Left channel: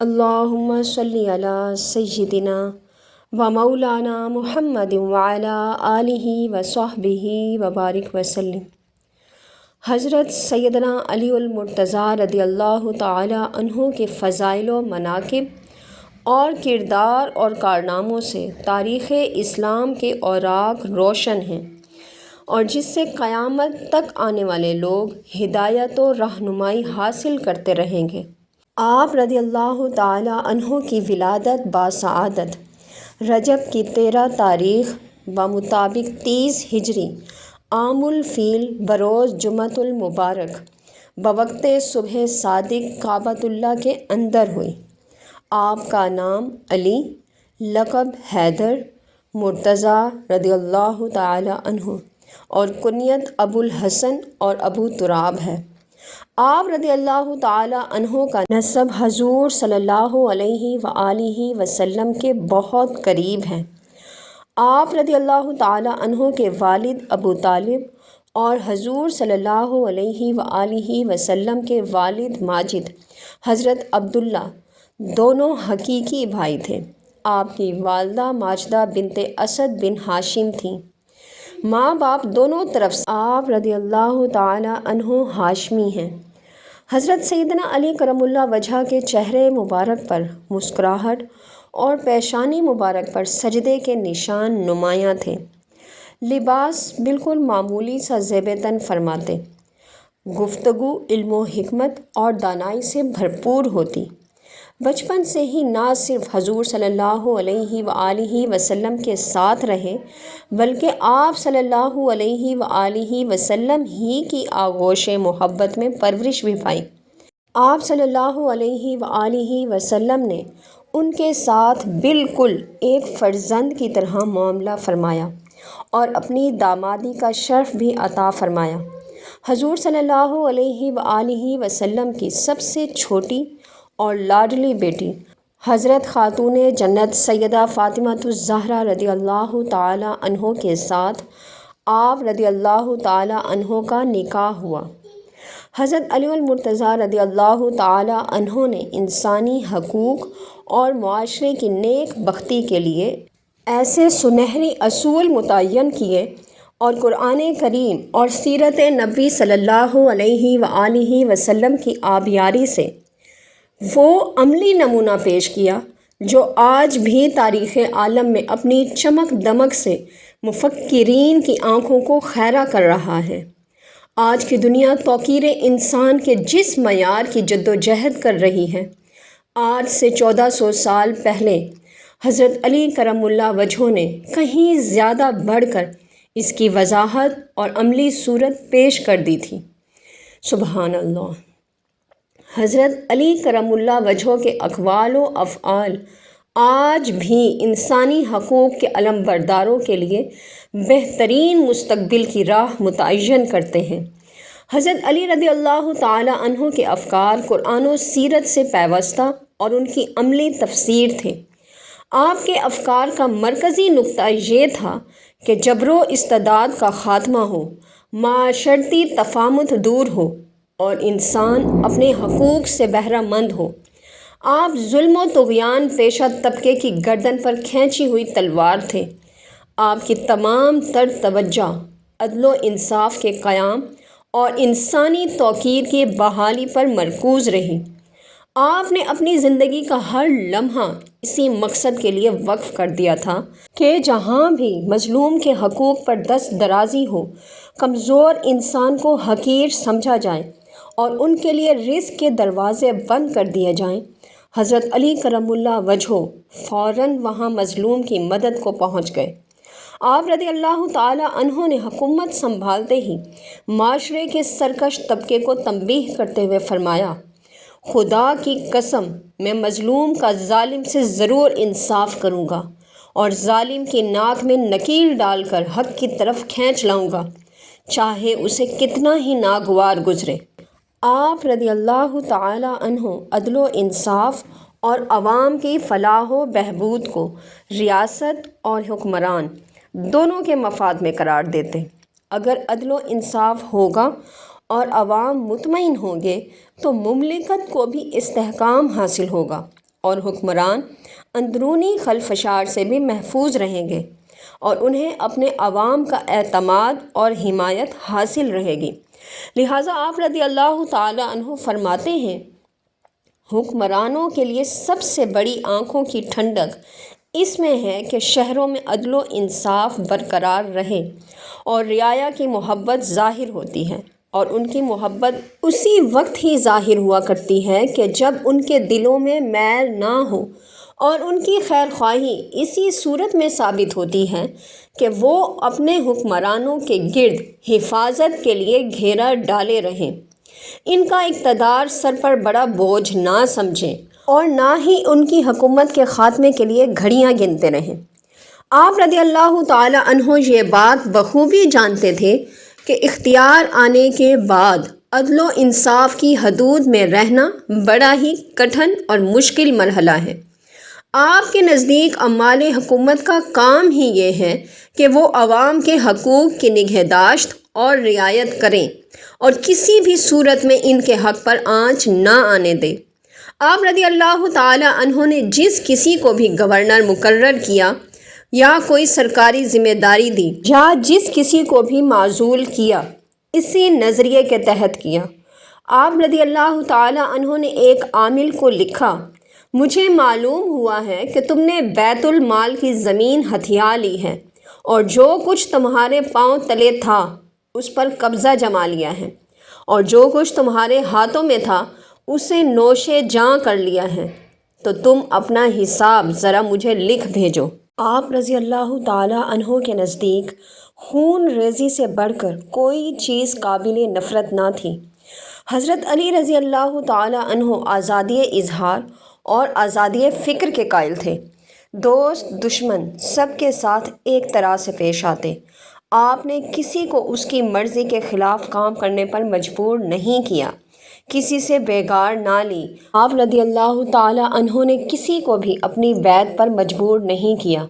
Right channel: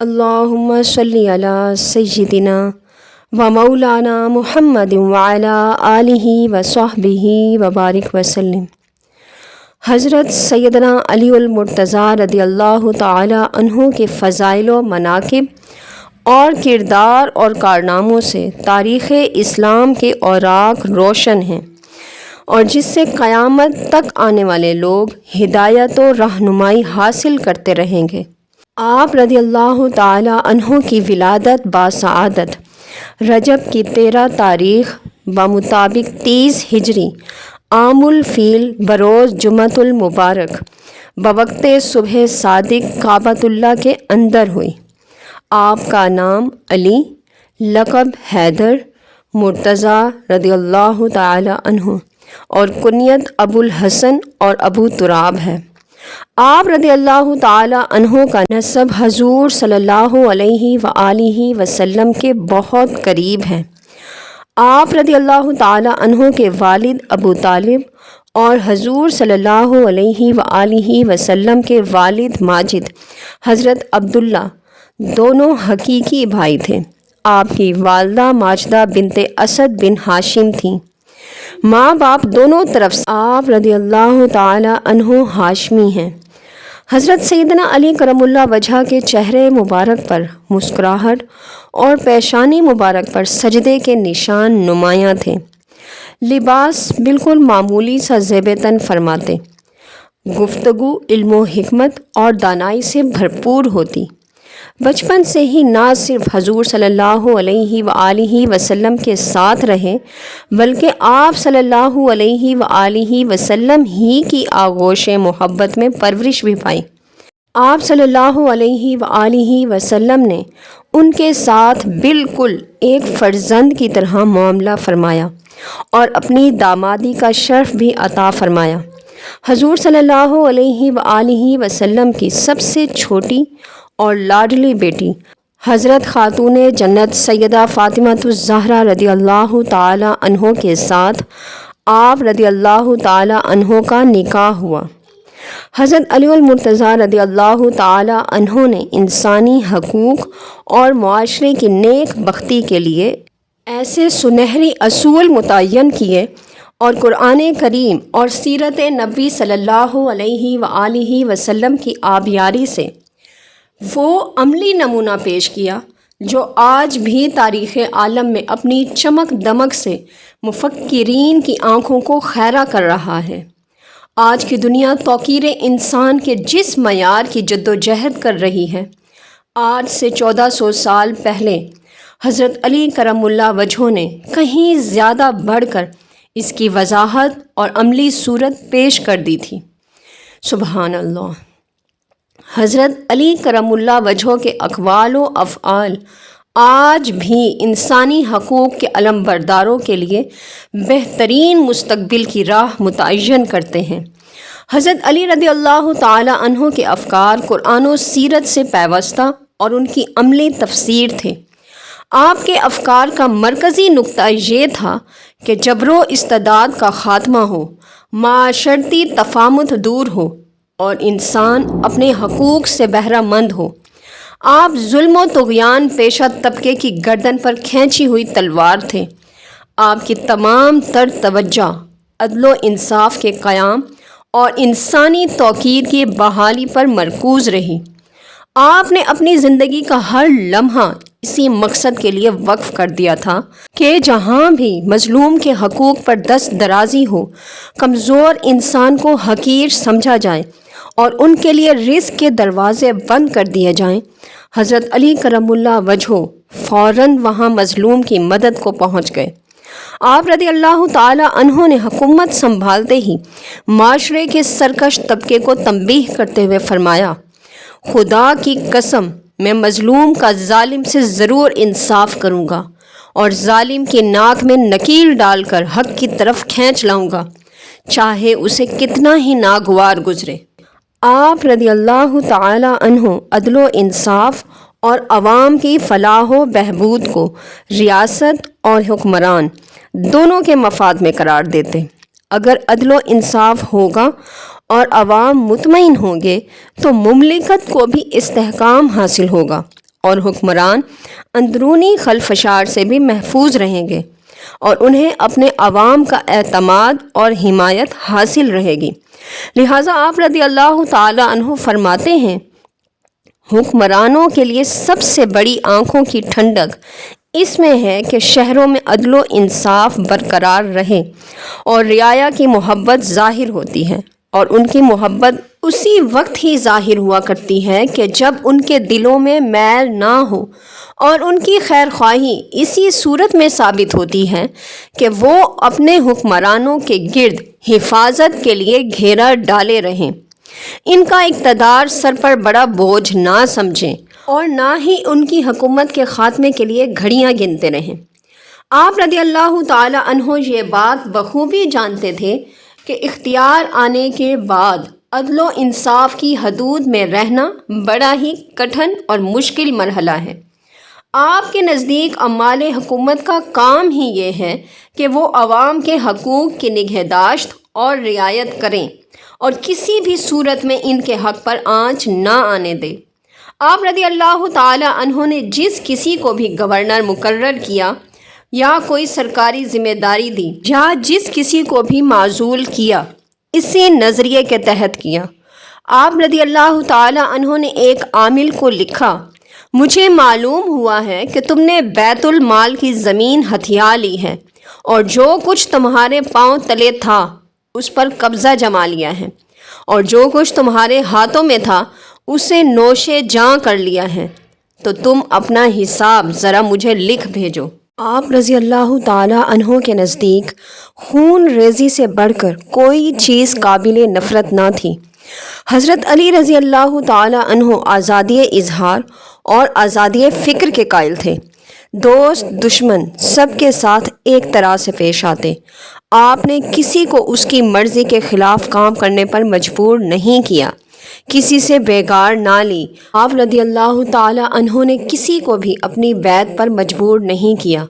اللہم صلی علی سیدنا و مولانا محمد وعلی آلہ و صحبہ وبارک وسلم۔ حضرت سیدنا علی المرتضیٰ رضی اللہ تعالی عنہ کے فضائل و مناقب اور کردار اور کارناموں سے تاریخ اسلام کے اوراق روشن ہیں، اور جس سے قیامت تک آنے والے لوگ ہدایت و رہنمائی حاصل کرتے رہیں گے۔ آپ رضی اللہ تعالی عنہ کی ولادت باسعادت رجب کی 13 تاریخ بمطابق 30 ہجری عام الفیل بروز جمعۃ المبارک بوقت صبح صادق کعبۃ اللہ کے اندر ہوئی۔ آپ کا نام علی، لقب حیدر، مرتضیٰ رضی اللہ تعالی عنہ اور کنیت ابو الحسن اور ابو تراب ہے۔ آپ رضی اللہ تعالی عنہ کا نسب حضور صلی اللہ علیہ وآلہ وسلم کے بہت قریب ہے۔ آپ رضی اللہ تعالی عنہ کے والد ابو طالب اور حضور صلی اللہ علیہ وآلہ وسلم کے والد ماجد حضرت عبداللہ دونوں حقیقی بھائی تھے۔ آپ کی والدہ ماجدہ بنت اسد بن ہاشم تھیں۔ ماں باپ دونوں طرف سے آپ رضی اللہ تعالی عنہ ہاشمی ہیں۔ حضرت سیدنا علی کرم اللہ وجہ کے چہرے مبارک پر مسکراہٹ اور پیشانی مبارک پر سجدے کے نشان نمایاں تھے۔ لباس بالکل معمولی سا زیب تن فرماتے، گفتگو علم و حکمت اور دانائی سے بھرپور ہوتی۔ بچپن سے ہی نہ صرف حضور صلی اللہ علیہ وآلہ وسلم کے ساتھ رہے، بلکہ آپ صلی اللہ علیہ وآلہ وسلم ہی کی آغوش محبت میں پرورش بھی پائی۔ آپ صلی اللہ علیہ وآلہ وسلم نے ان کے ساتھ بالکل ایک فرزند کی طرح معاملہ فرمایا اور اپنی دامادی کا شرف بھی عطا فرمایا۔ حضور صلی اللہ علیہ وآلہ وسلم کی سب سے چھوٹی اور لاڈلی بیٹی حضرت خاتون جنت سیدہ فاطمہ الزہرا رضی اللہ تعالی عنہ کے ساتھ آپ رضی اللہ تعالی عنہ کا نکاح ہوا۔ حضرت علی المرتضیٰ رضی اللہ تعالی عنہ نے انسانی حقوق اور معاشرے کی نیک بختی کے لیے ایسے سنہری اصول متعین کیے اور قرآن کریم اور سیرت نبی صلی اللہ علیہ وآلہ وسلم کی آبیاری سے وہ عملی نمونہ پیش کیا جو آج بھی تاریخ عالم میں اپنی چمک دمک سے مفکرین کی آنکھوں کو خیرہ کر رہا ہے۔ آج کی دنیا توقیر انسان کے جس معیار کی جد و جہد کر رہی ہے، آج سے 1400 سال پہلے حضرت علی کرم اللہ وجہ نے کہیں زیادہ بڑھ کر اس کی وضاحت اور عملی صورت پیش کر دی تھی۔ سبحان اللہ۔ حضرت علی کرم اللہ وجہ کے اقوال و افعال آج بھی انسانی حقوق کے علم برداروں کے لیے بہترین مستقبل کی راہ متعین کرتے ہیں۔ حضرت علی رضی اللہ تعالی عنہ کے افکار قرآن و سیرت سے پیوستہ اور ان کی عملی تفسیر تھے۔ آپ کے افکار کا مرکزی نقطہ یہ تھا کہ جبر و استبداد کا خاتمہ ہو، معاشرتی تفاہمت دور ہو اور انسان اپنے حقوق سے بہرہ مند ہو۔ آپ ظلم و طغیان پیشہ طبقے کی گردن پر کھینچی ہوئی تلوار تھے۔ آپ کی تمام تر توجہ عدل و انصاف کے قیام اور انسانی توقیر کی بحالی پر مرکوز رہی۔ آپ نے اپنی زندگی کا ہر لمحہ اسی مقصد کے لیے وقف کر دیا تھا کہ جہاں بھی مظلوم کے حقوق پر دست درازی ہو، کمزور انسان کو حقیر سمجھا جائے اور ان کے لیے رزق کے دروازے بند کر دیے جائیں، حضرت علی کرم اللہ وجہ فوراً وہاں مظلوم کی مدد کو پہنچ گئے۔ آپ رضی اللہ تعالی عنہ نے حکومت سنبھالتے ہی معاشرے کے سرکش طبقے کو تنبیہ کرتے ہوئے فرمایا، خدا کی قسم میں مظلوم کا ظالم سے ضرور انصاف کروں گا اور ظالم کی ناک میں نکیل ڈال کر حق کی طرف کھینچ لاؤں گا، چاہے اسے کتنا ہی ناگوار گزرے۔ آپ رضی اللہ تعالی عنہ عدل و انصاف اور عوام کی فلاح و بہبود کو ریاست اور حکمران دونوں کے مفاد میں قرار دیتے۔ اگر عدل و انصاف ہوگا اور عوام مطمئن ہوں گے تو مملکت کو بھی استحکام حاصل ہوگا اور حکمران اندرونی خلفشار سے بھی محفوظ رہیں گے اور انہیں اپنے عوام کا اعتماد اور حمایت حاصل رہے گی۔ لہٰذا آپ رضی اللہ تعالی عنہ فرماتے ہیں، حکمرانوں کے لیے سب سے بڑی آنکھوں کی ٹھنڈک اس میں ہے کہ شہروں میں عدل و انصاف برقرار رہے اور رعایا کی محبت ظاہر ہوتی ہے، اور ان کی محبت اسی وقت ہی ظاہر ہوا کرتی ہے کہ جب ان کے دلوں میں میل نہ ہو، اور ان کی خیر خواہی اسی صورت میں ثابت ہوتی ہے کہ وہ اپنے حکمرانوں کے گرد حفاظت کے لیے گھیرا ڈالے رہیں، ان کا اقتدار سر پر بڑا بوجھ نہ سمجھیں اور نہ ہی ان کی حکومت کے خاتمے کے لیے گھڑیاں گنتے رہیں۔ آپ رضی اللہ تعالی عنہ یہ بات بخوبی جانتے تھے کہ اختیار آنے کے بعد عدل و انصاف کی حدود میں رہنا بڑا ہی کٹھن اور مشکل مرحلہ ہے۔ آپ کے نزدیک عمال حکومت کا کام ہی یہ ہے کہ وہ عوام کے حقوق کی نگہداشت اور رعایت کریں اور کسی بھی صورت میں ان کے حق پر آنچ نہ آنے دیں۔ آپ رضی اللہ تعالی عنہ نے جس کسی کو بھی گورنر مقرر کیا یا کوئی سرکاری ذمہ داری دی یا جس کسی کو بھی معزول کیا، اسی نظریے کے تحت کیا۔ آپ رضی اللہ تعالی عنہ نے ایک عامل کو لکھا، مجھے معلوم ہوا ہے کہ تم نے بیت المال کی زمین ہتھیا لی ہے اور جو کچھ تمہارے پاؤں تلے تھا اس پر قبضہ جما لیا ہے، اور جو کچھ تمہارے ہاتھوں میں تھا اسے نوشے جاں کر لیا ہے، تو تم اپنا حساب ذرا مجھے لکھ بھیجو۔ آپ رضی اللہ تعالی عنہ کے نزدیک خون ریزی سے بڑھ کر کوئی چیز قابل نفرت نہ تھی۔ حضرت علی رضی اللہ تعالی عنہ آزادی اظہار اور آزادی فکر کے قائل تھے۔ دوست دشمن سب کے ساتھ ایک طرح سے پیش آتے۔ آپ نے کسی کو اس کی مرضی کے خلاف کام کرنے پر مجبور نہیں کیا، کسی سے بےگار نہ لی۔ آپ رضی اللہ تعالی عنہ نے کسی کو بھی اپنی بیعت پر مجبور نہیں کیا۔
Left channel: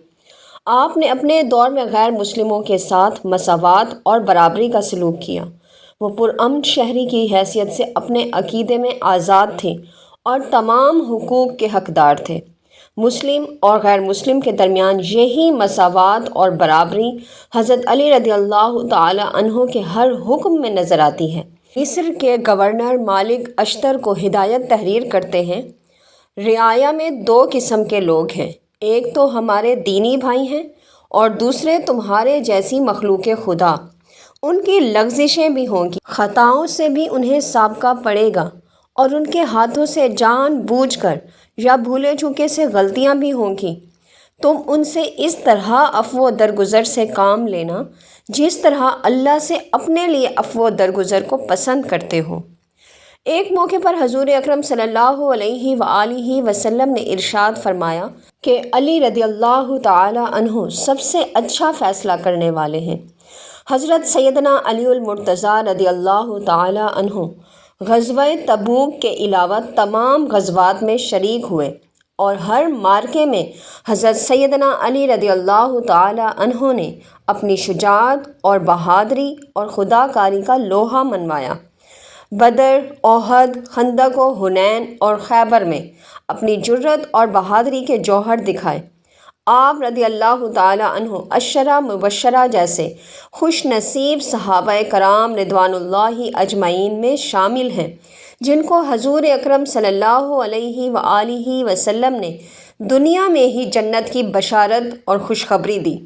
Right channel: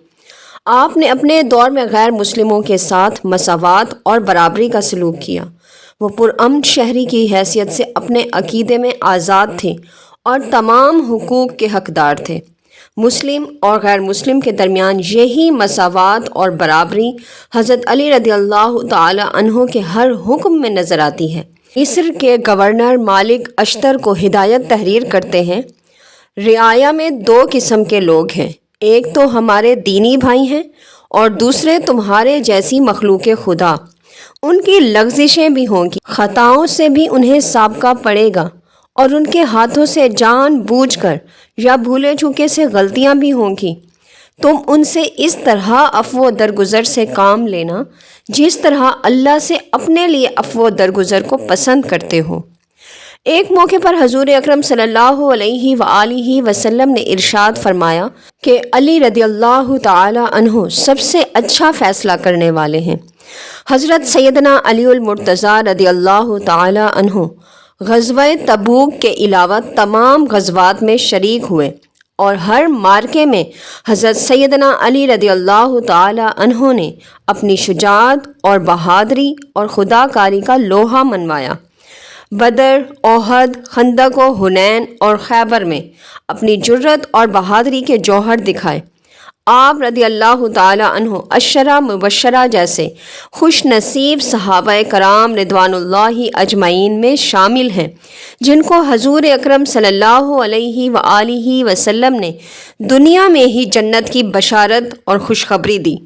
آپ نے اپنے دور میں غیر مسلموں کے ساتھ مساوات اور برابری کا سلوک کیا۔ وہ پرامن شہری کی حیثیت سے اپنے عقیدے میں آزاد تھے اور تمام حقوق کے حقدار تھے۔ مسلم اور غیر مسلم کے درمیان یہی مساوات اور برابری حضرت علی رضی اللہ تعالی عنہ کے ہر حکم میں نظر آتی ہے۔ مصر کے گورنر مالک اشتر کو ہدایت تحریر کرتے ہیں، رعایا میں دو قسم کے لوگ ہیں، ایک تو ہمارے دینی بھائی ہیں اور دوسرے تمہارے جیسی مخلوق خدا۔ ان کی لغزشیں بھی ہوں گی، خطاؤں سے بھی انہیں سابقہ پڑے گا، اور ان کے ہاتھوں سے جان بوجھ کر یا بھولے چوکے سے غلطیاں بھی ہوں گی۔ تم ان سے اس طرح عفو و درگزر سے کام لینا جس طرح اللہ سے اپنے لیے عفو و درگزر کو پسند کرتے ہو۔ ایک موقع پر حضور اکرم صلی اللہ علیہ وآلہ وسلم نے ارشاد فرمایا کہ علی رضی اللہ تعالی عنہ سب سے اچھا فیصلہ کرنے والے ہیں۔ حضرت سیدنا علی المرتضیٰ رضی اللہ تعالی عنہ غزوہ تبوک کے علاوہ تمام غزوات میں شریک ہوئے، اور ہر معرکے میں حضرت سیدنا علی رضی اللہ تعالی عنہ نے اپنی شجاعت اور بہادری اور خدا کاری کا لوہا منوایا۔ بدر، احد، خندق و حنین اور خیبر میں اپنی جرت اور بہادری کے جوہر دکھائے۔ آپ رضی اللہ تعالی عنہ عشرہ مبشرہ جیسے خوش نصیب صحابہ کرام رضوان اللہ اجمعین میں شامل ہیں جن کو حضور اکرم صلی اللہ علیہ وآلہ وسلم نے دنیا میں ہی جنت کی بشارت اور خوشخبری دی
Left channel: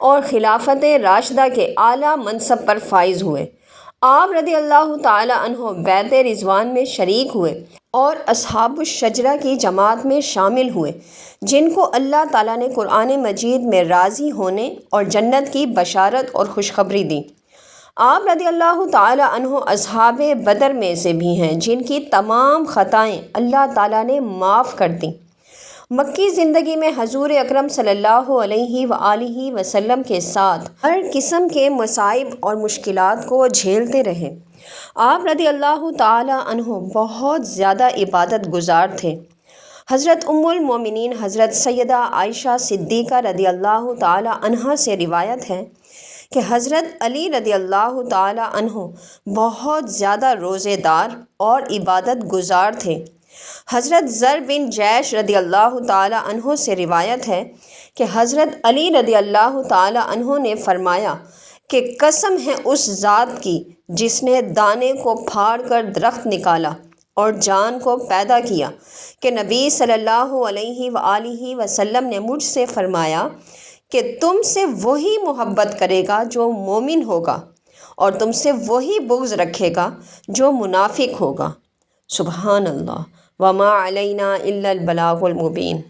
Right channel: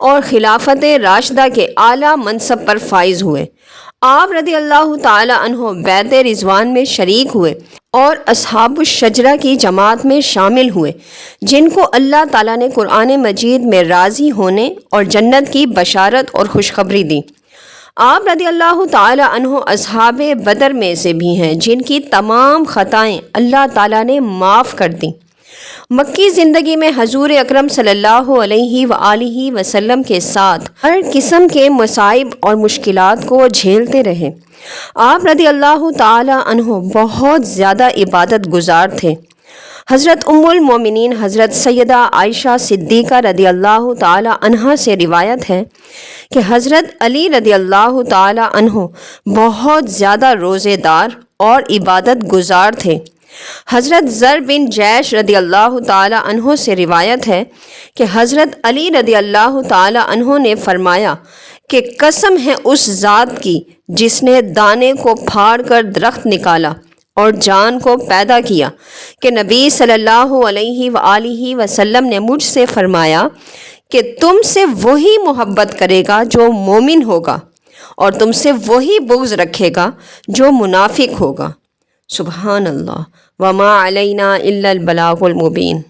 اور خلافت راشدہ کے اعلیٰ منصب پر فائز ہوئے۔ آپ رضی اللہ تعالی عنہ بیعت رضوان میں شریک ہوئے اور اصحاب الشجرہ کی جماعت میں شامل ہوئے جن کو اللہ تعالیٰ نے قرآن مجید میں راضی ہونے اور جنت کی بشارت اور خوشخبری دی۔ آپ رضی اللہ تعالی عنہ اصحاب بدر میں سے بھی ہیں جن کی تمام خطائیں اللہ تعالیٰ نے معاف کر دیں۔ مکی زندگی میں حضور اکرم صلی اللہ علیہ وآلہ وسلم کے ساتھ ہر قسم کے مصائب اور مشکلات کو جھیلتے رہے۔ آپ رضی اللہ تعالی عنہ بہت زیادہ عبادت گزار تھے۔ حضرت ام المومنین حضرت سیدہ عائشہ صدیقہ رضی اللہ تعالی عنہا سے روایت ہے کہ حضرت علی رضی اللہ تعالی عنہ بہت زیادہ روزے دار اور عبادت گزار تھے۔ حضرت زر بن جیش رضی اللہ تعالی عنہ سے روایت ہے کہ حضرت علی رضی اللہ تعالی عنہ نے فرمایا کہ قسم ہے اس ذات کی جس نے دانے کو پھاڑ کر درخت نکالا اور جان کو پیدا کیا، کہ نبی صلی اللہ علیہ وآلہ وسلم نے مجھ سے فرمایا کہ تم سے وہی محبت کرے گا جو مومن ہوگا، اور تم سے وہی بغض رکھے گا جو منافق ہوگا۔ سبحان اللہ، وما علینا الا البلاغ المبین۔